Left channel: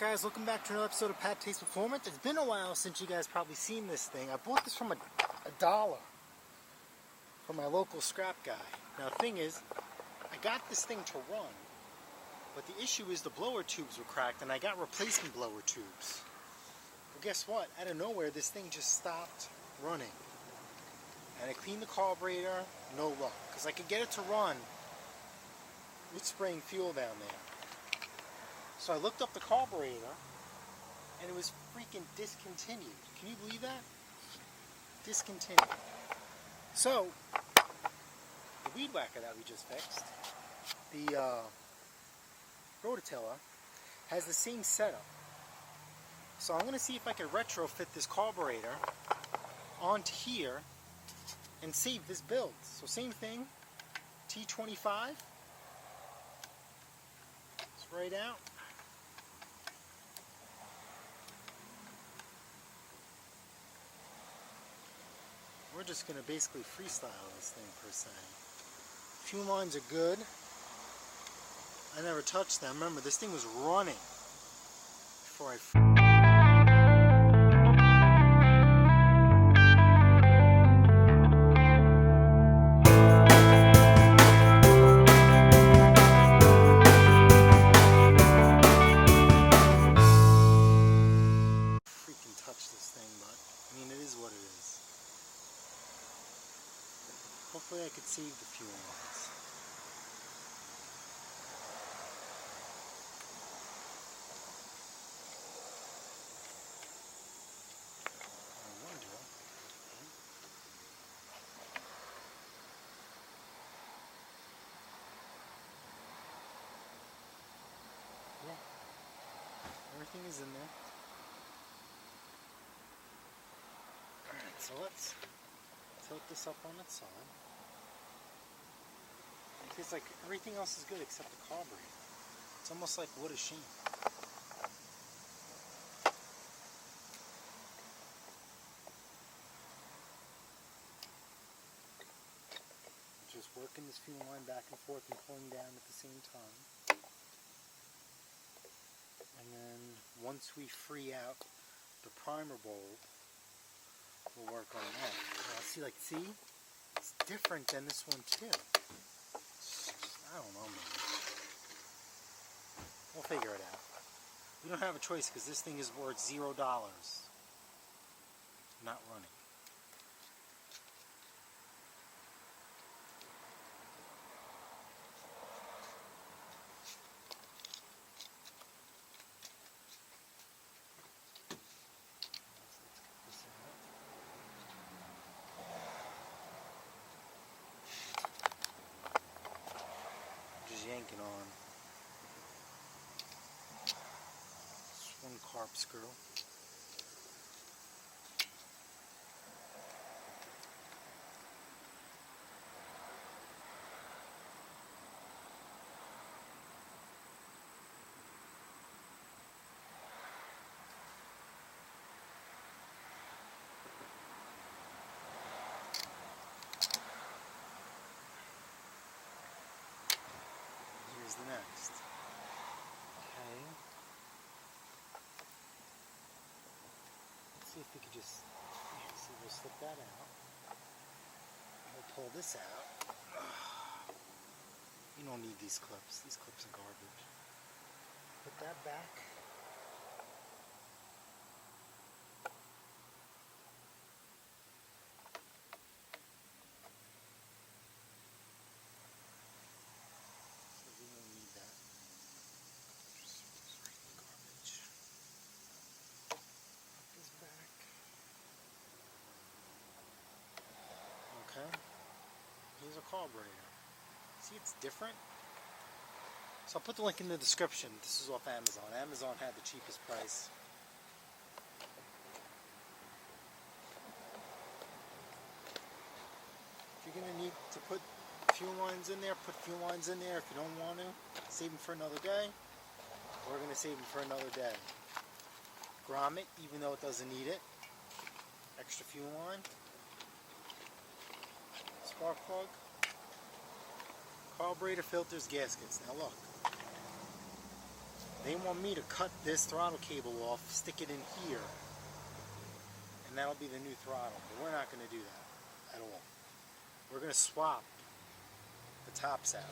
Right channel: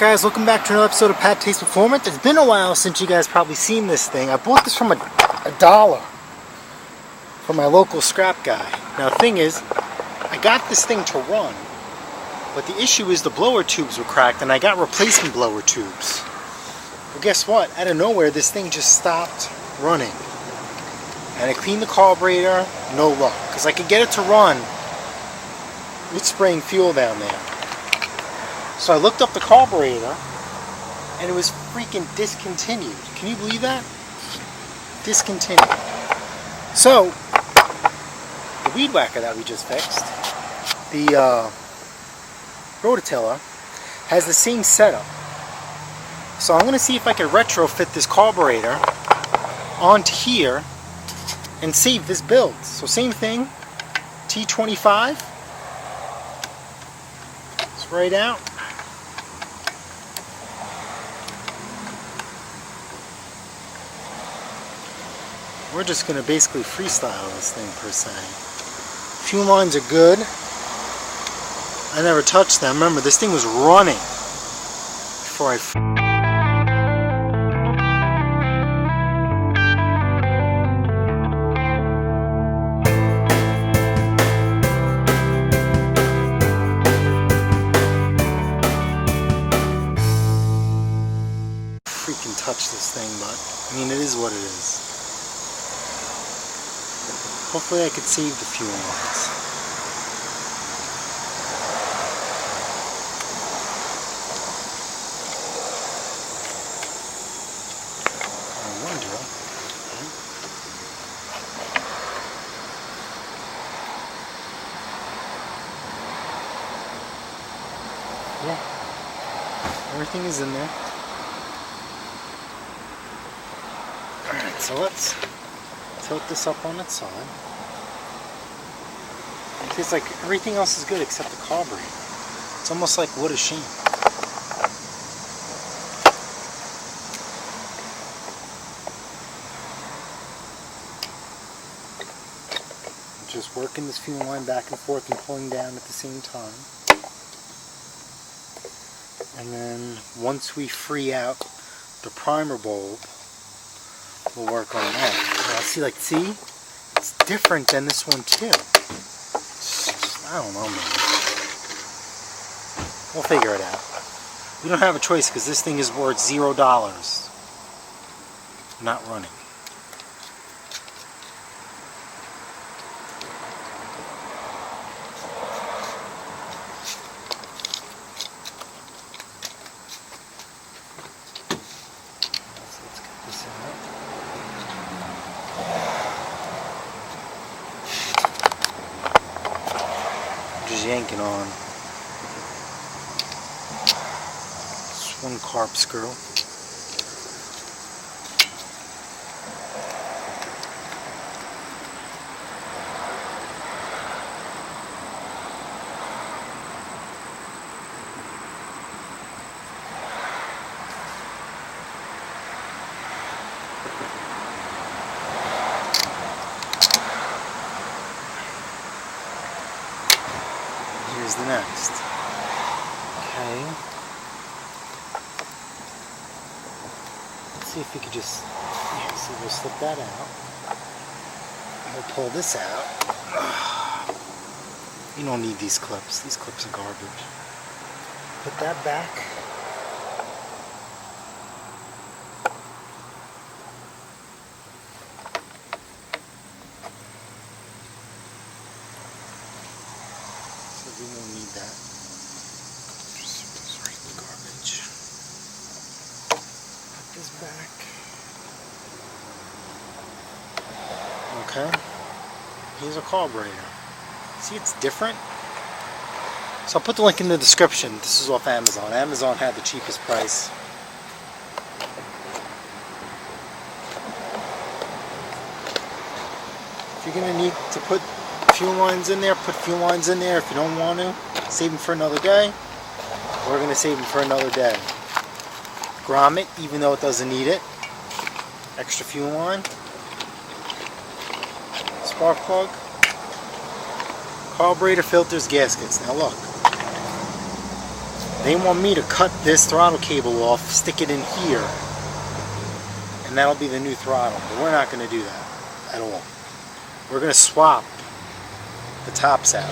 guys? Welcome back to another episode of Pat Takes Performance. It's been a while since you guys probably seen this thing. I bought this from a dollar from my local scrap guy. Now the thing is, I got this thing to run, but the issue is the blower tubes were cracked and I got replacement blower tubes. Well, guess what? Out of nowhere this thing just stopped running. And I cleaned the carburetor, no luck. Because I could get it to run with spraying fuel down there. So I looked up the carburetor and it was freaking discontinued. Can you believe that? Discontinued. So, the weed whacker that we just fixed, the rototiller, has the same setup. So I'm going to see if I can retrofit this carburetor onto here and save this build. So same thing, T25, sprayed out. We're just going to basically freestyle this thing per se. Fuel lines are good. I never touched them. Remember, this thing was running before I... freaking touch this thing, but I mean, it is what it is. Hopefully I could save the fuel lines. I wonder. Yeah. Everything is in there. Alright, so let's tilt this up on its side. It's like everything else is good except the carburetor. It's almost like, what a shame. Just working this fuel line back and forth and pulling down at the same time. And then once we free out the primer bulb, we'll work on that. See, it's different than this one too. I don't know, man. We'll figure it out. We don't have a choice because this thing is worth $0. Not running. Just yanking on this one carb screw. Here's the next. Okay. Let's see if we could just, yeah, so we'll slip that out. We'll pull this out. You don't need these clips. These clips are garbage. Put that back. We won't need that. Just right in the garbage. Put this back. Okay. Here's a carburetor. See, it's different. So I'll put the link in the description. This is off Amazon. Amazon had the cheapest price. If you're going to need to put fuel lines in there, put fuel lines in there. If you don't want to, save them for another day. We're going to save them for another day. Grommet, even though it doesn't need it. Extra fuel line. Spark plug. Carburetor, filters, gaskets. Now look. They want me to cut this throttle cable off, stick it in here, and that'll be the new throttle. But we're not going to do that at all. We're going to swap the tops out.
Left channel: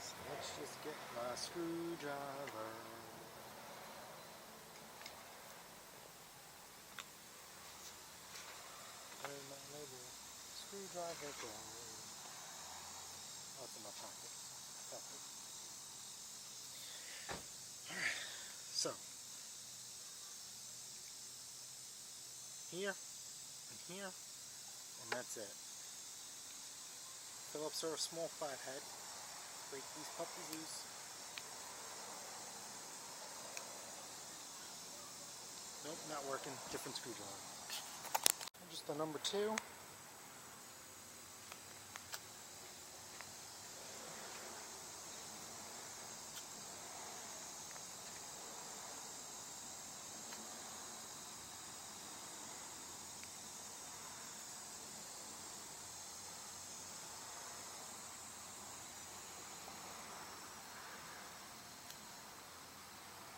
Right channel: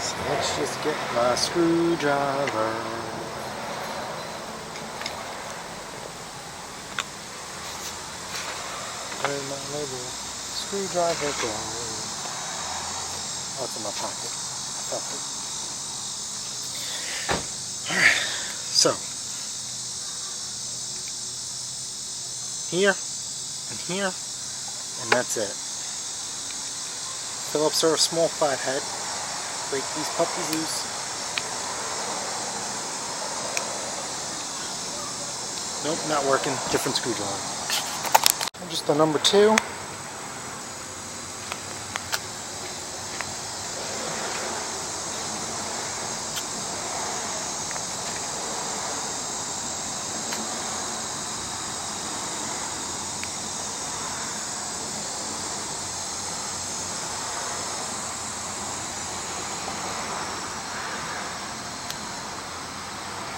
So let's just get my screwdriver. Where's my little screwdriver go? Oh, it's in my pocket. Alright, so here and here, and that's it. Phillips are a small flathead. Break these puppies loose. Nope, not working. Different screwdriver. Just the number 2.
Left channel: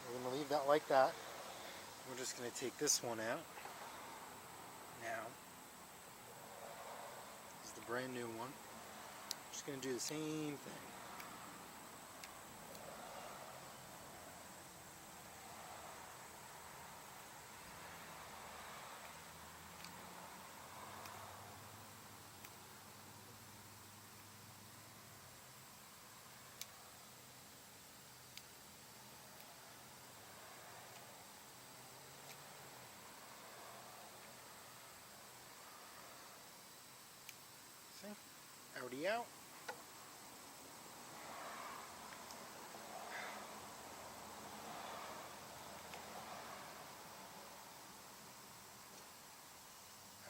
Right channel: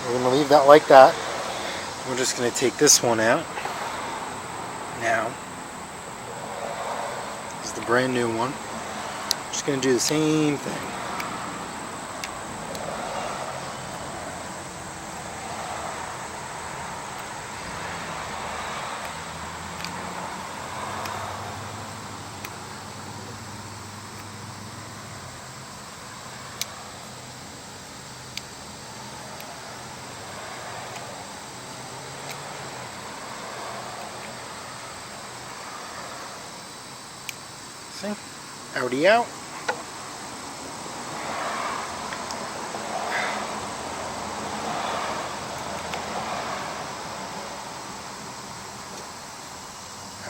We're going to leave that like that. We're just going to take this one out now. This is the brand new one. Just going to do the same thing. See? Already out.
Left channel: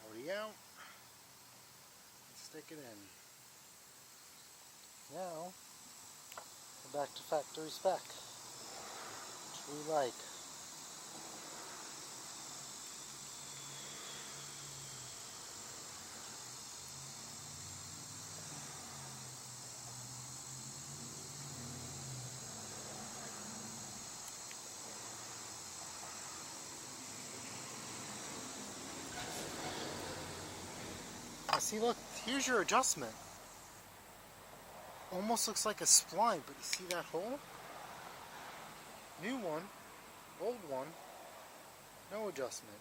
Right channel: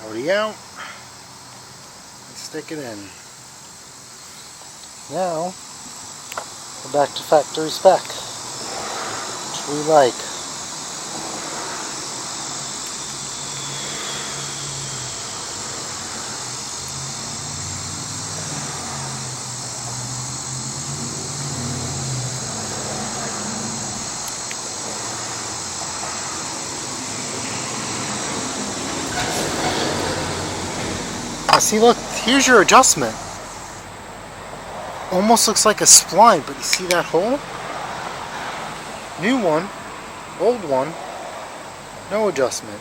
Already out. Let's stick it in. Now, we're back to factory spec, which we like. Now see, look, here's your adjustment. Almost looks like a spline, but you see that hole? New one, old one, no adjustment.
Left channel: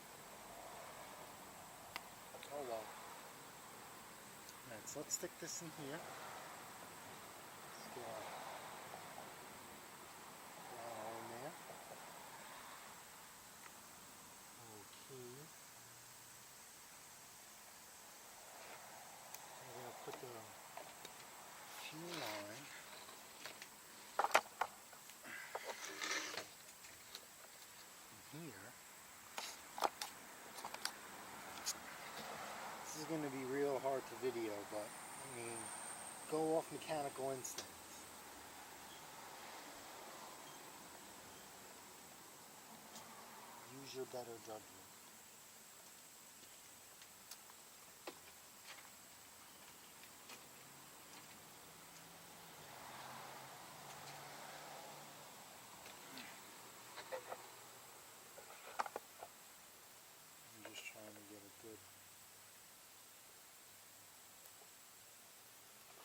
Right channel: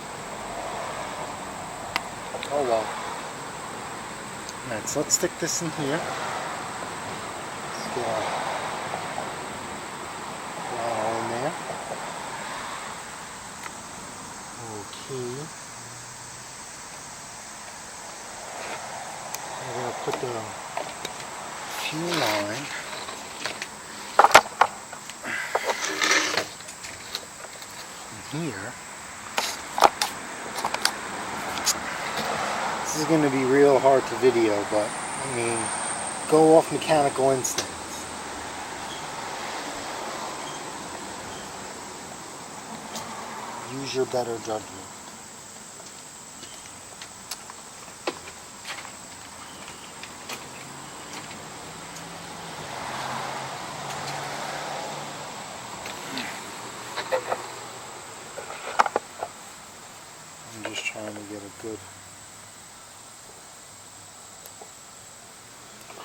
Oh well. Alright, so let's stick this in here. Let's get our all in there. Okay. We're going to put the fuel line in here. This is going to be real hard to video, but I mean, go off mechanical instincts. Use your better judgment. I'm just trying to get a good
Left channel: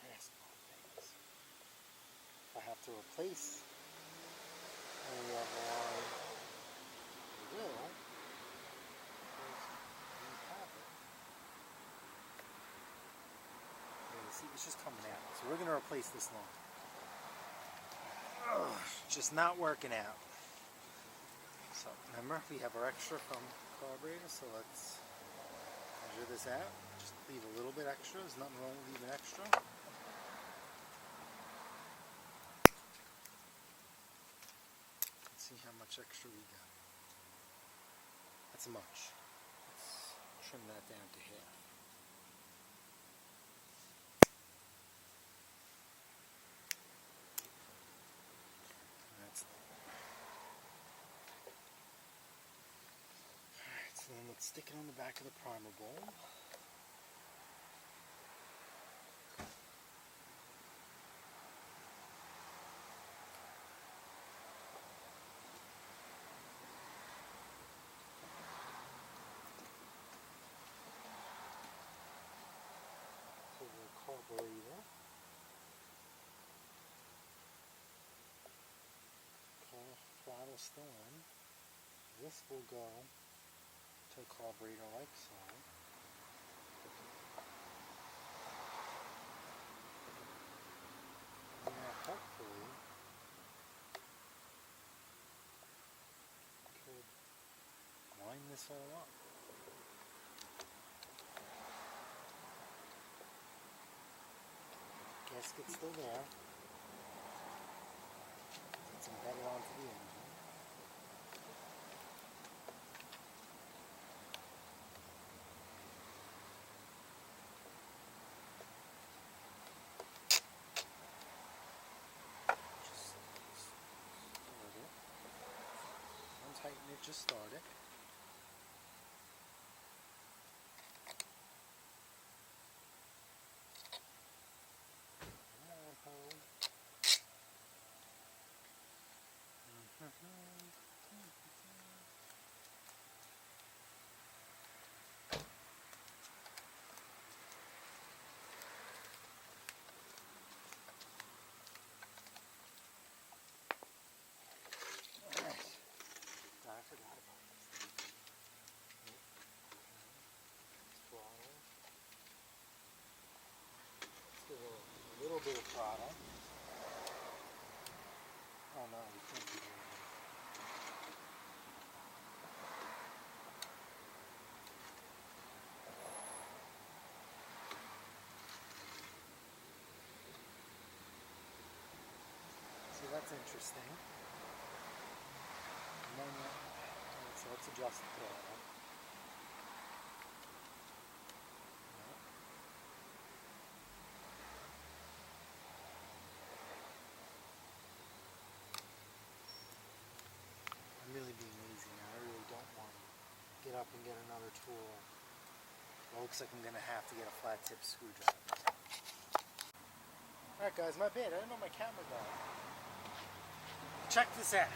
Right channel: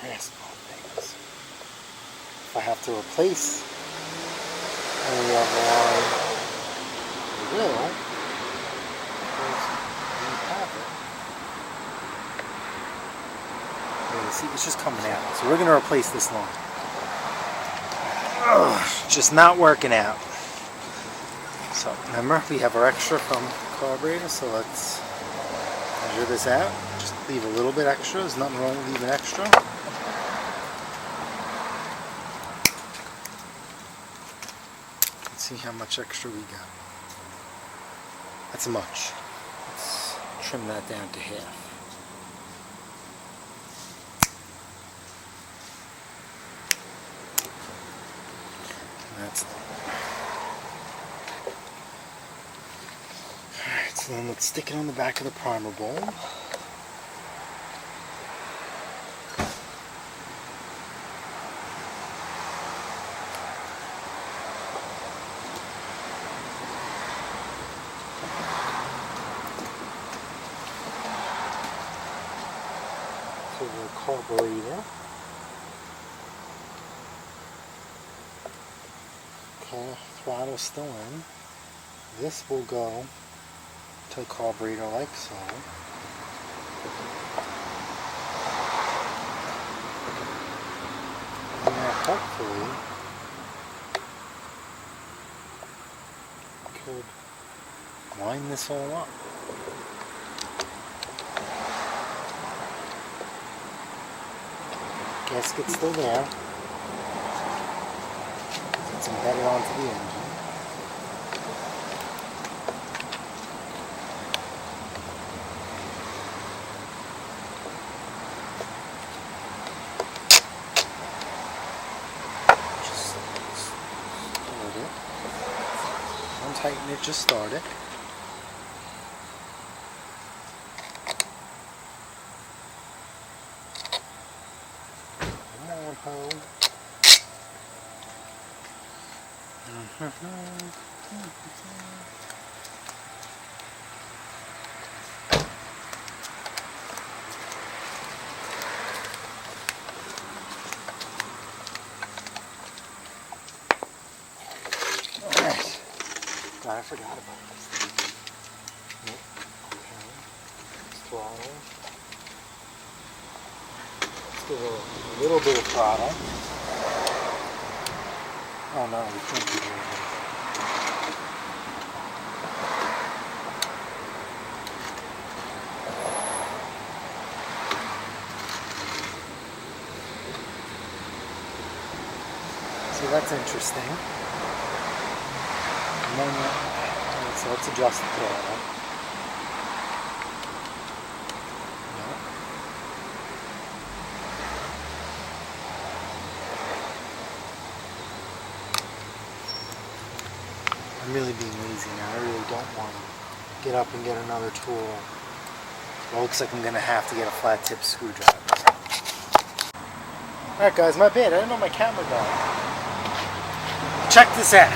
grasp on things. If I have to replace any of the line, I will, because we have it. Yeah, see, it's just coming out. So we're going to replace this line. Ugh, just not working out. So remember, we have our extra from the carburetor, so let's measure this out. Just leave a little bit extra. There's nothing wrong with leaving extra. Let's see how much extra we got. That's much. Let's trim that down to half. That's alright, so then let's stick it on the back of the primer bowl. throttle's still in. This will go to the carburetor like so. And then hopefully could line this all up. Gasket's still there. It's embedded onto the engine. Just start it. Don't tighten it, just start it. Alright. God, I forgot about this thing. Nope. Okay. Throttle. Let's give it a little bit of throttle. Oh no, we can't do that. So that's interesting. And then, so let's adjust the throttle. No. I'm really being lazy now. I really don't want to get up and get another tool. Well, it looks like I'm going to have to get a flat tip screwdriver. Alright guys, my bad. I didn't know my camera died. Check this out.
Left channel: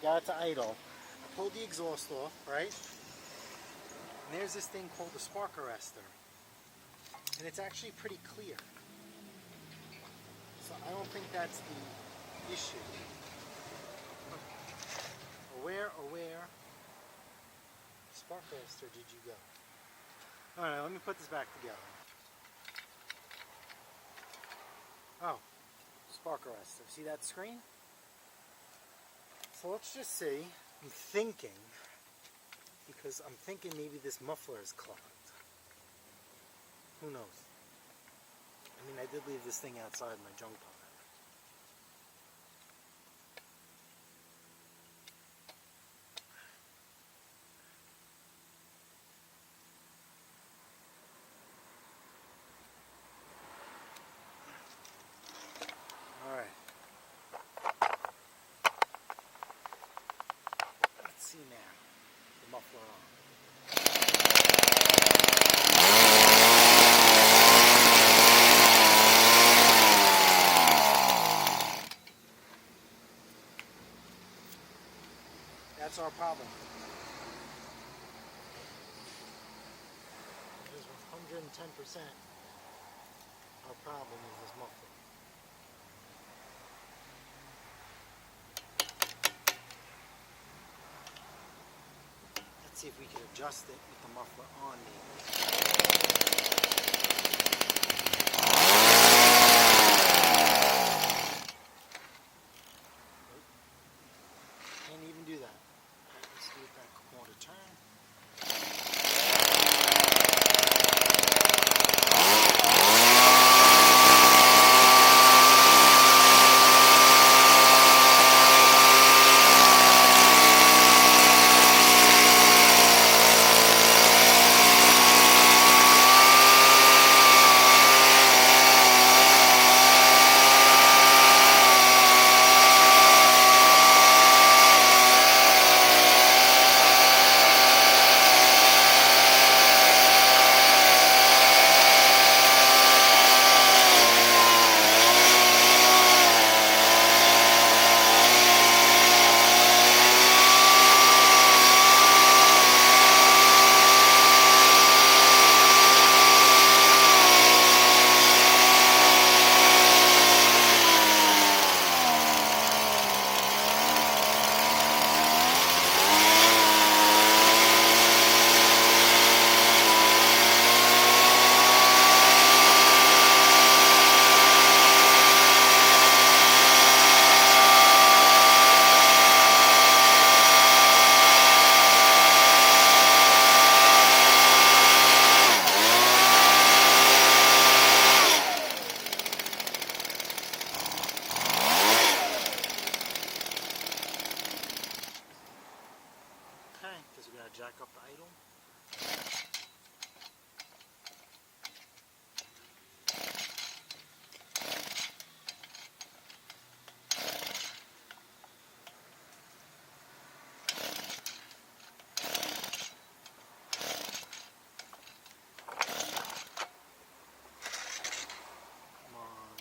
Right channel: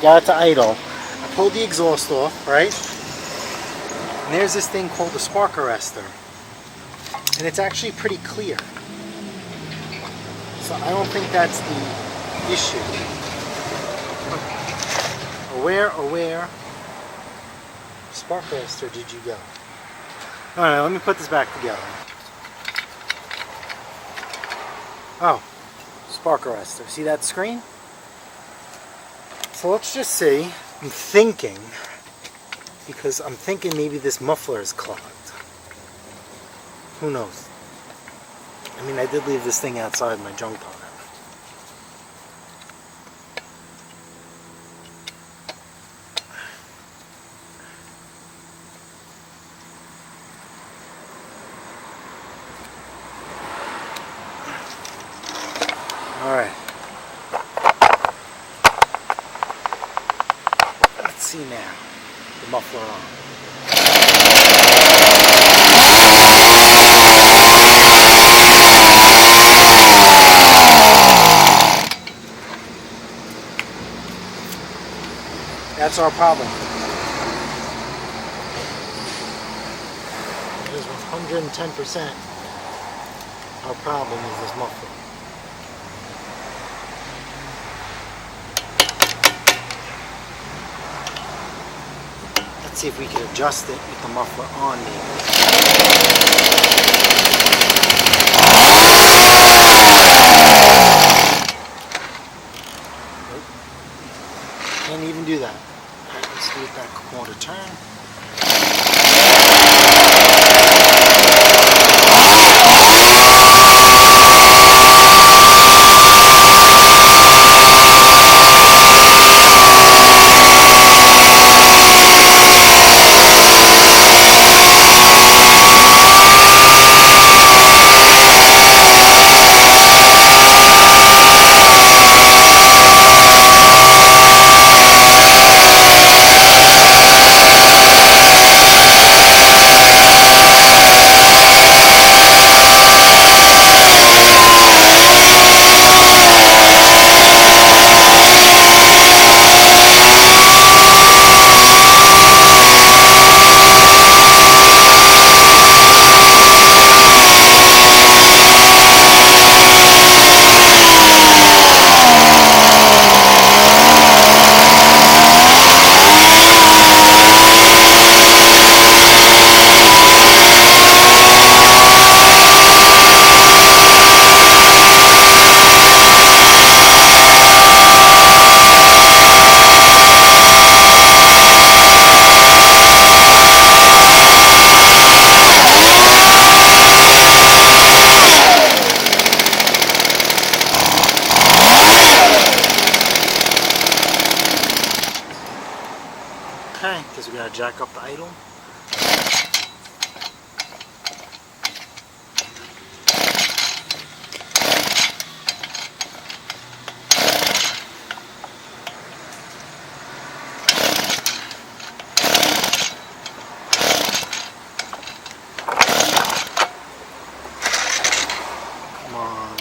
Got it to idle. I pulled the exhaust off, right? And there's this thing called the spark arrestor. And it's actually pretty clear. So I don't think that's the issue. Where spark arrestor did you go? Alright, let me put this back together. Oh, spark arrestor. See that screen? So let's just say, I'm thinking, because I'm thinking maybe this muffler is clogged. Who knows? I mean, I did leave this thing outside my junk pile. Alright. See now, the muffler on. That's our problem. It is 110%. Our problem is this muffler. Let's see if we can adjust it with the muffler on Nope. Can't even do that. Alright, let's do it that quarter turn. jack up the idle. Come on.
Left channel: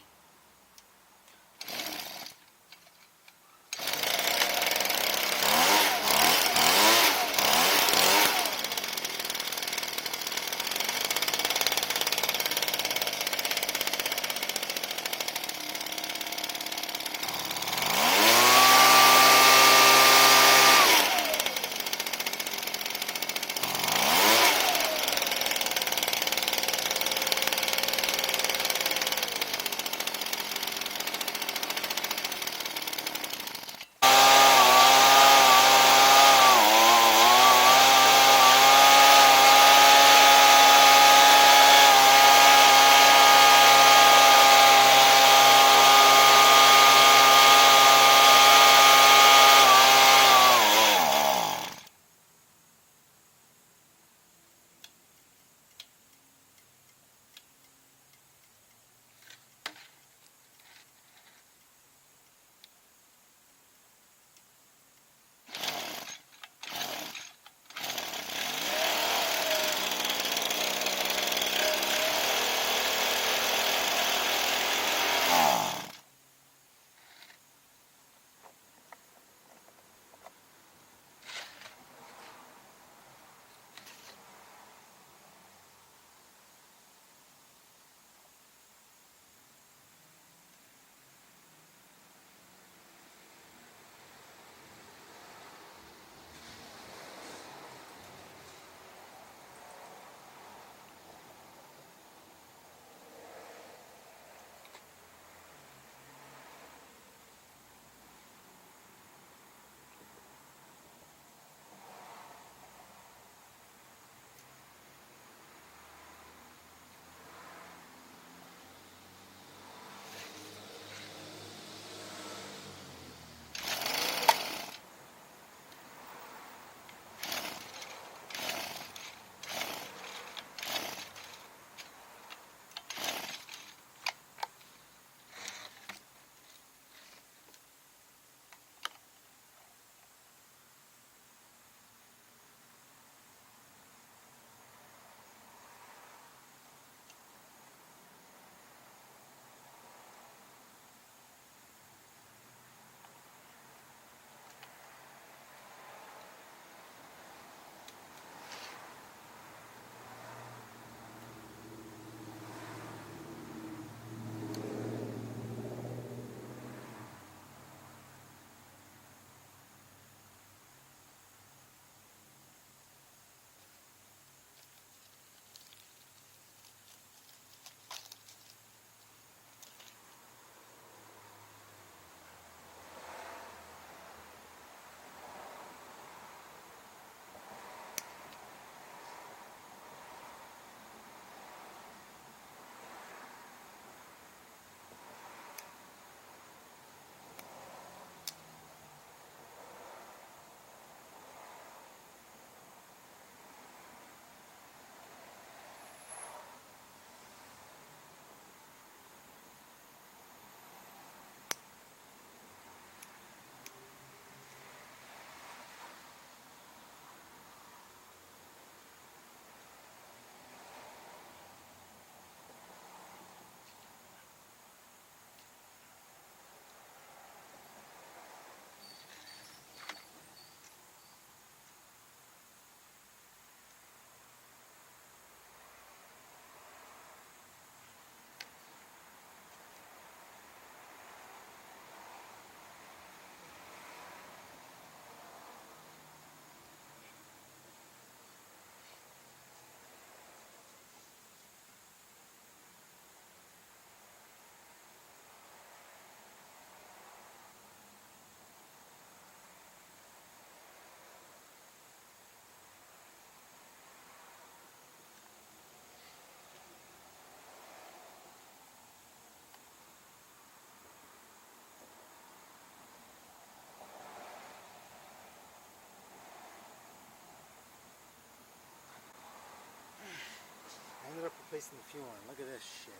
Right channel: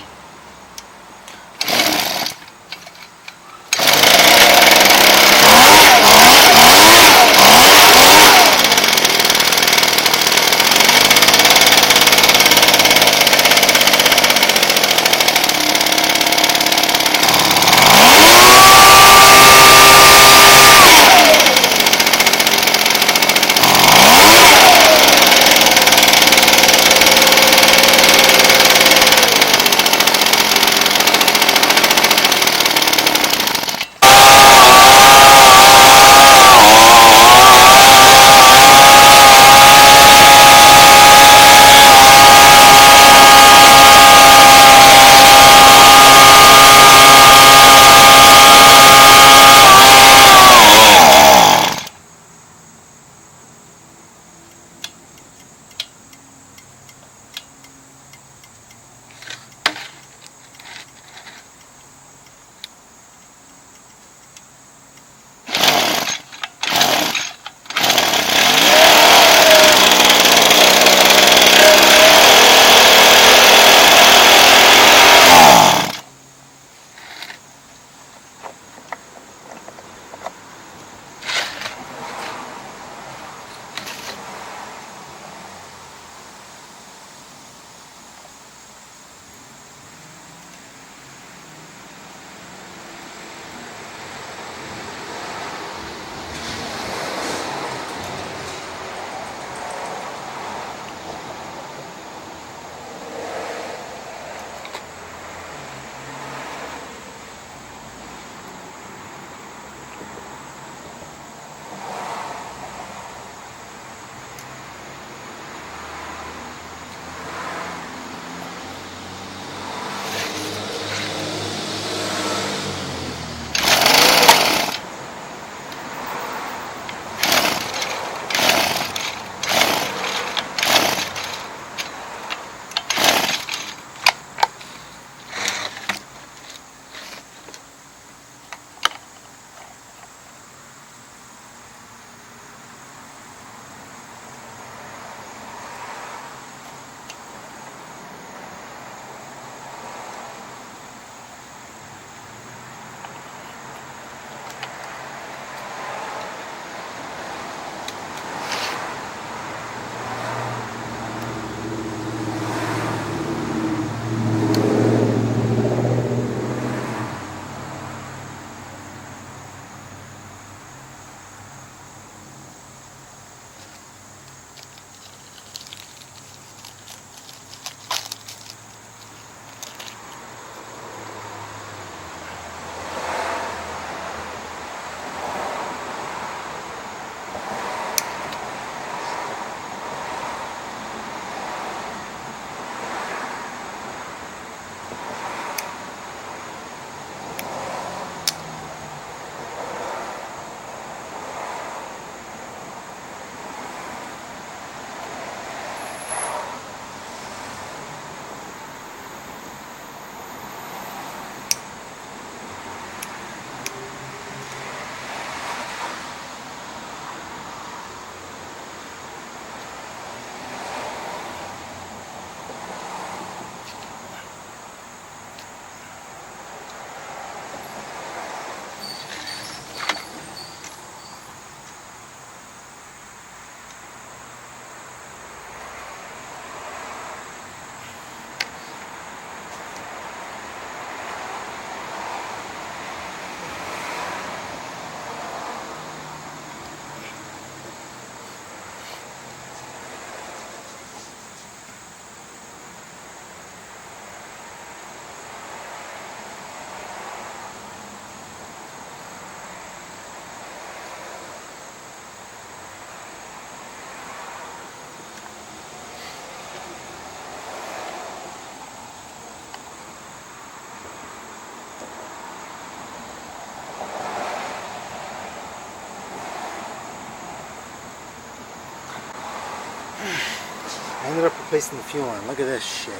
ended up replacing the fuel line. Look at this shit.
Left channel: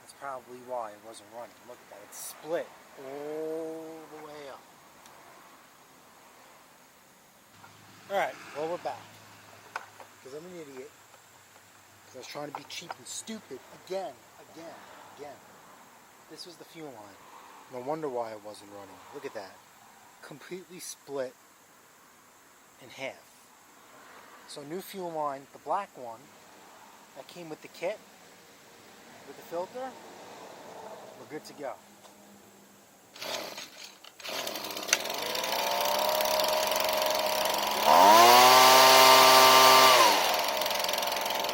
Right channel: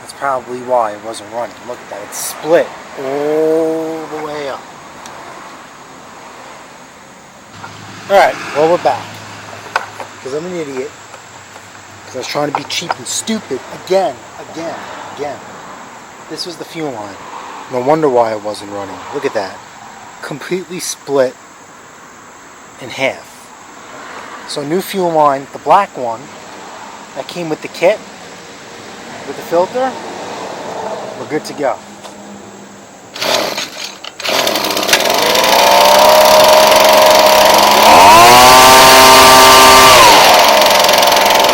That's probably why it wasn't running. Look at that. It's split all the way up. Alright, well, we're back. Because I'm an idiot. Because I was trying to be cheap and stupid again. This was the fuel line. No wonder why it wasn't running. Look at that. Completely split in half. So new fuel line, the black one, that came with the kit, with the filter, we're good to go.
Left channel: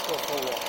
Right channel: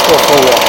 Go full well.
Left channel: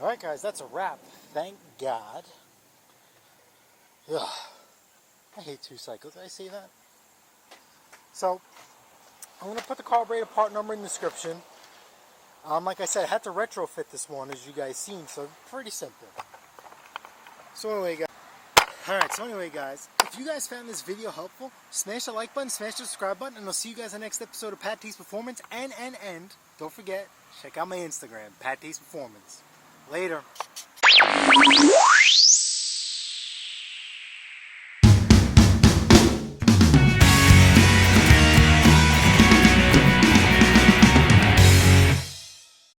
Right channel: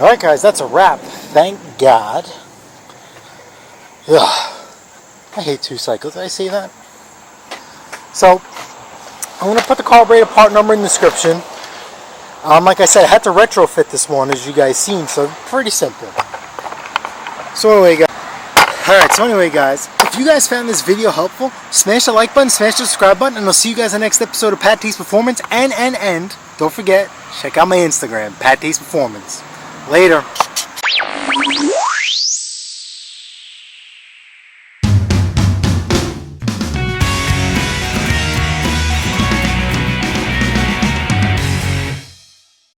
Alright guys, that's a wrap. Thank God. Ugh. I hate 2 cycles. Did I say that? So, I'm going to put the carburetor part number in the description. Like I said, I had to retrofit this one, as you guys seen, so pretty simple. So anyway guys, if you guys found this video helpful, smash the like button, smash the subscribe button, and I'll see you guys in the next episode of Pat Taste Performance. And don't forget, check out my Instagram, Pat Taste Performance. Later.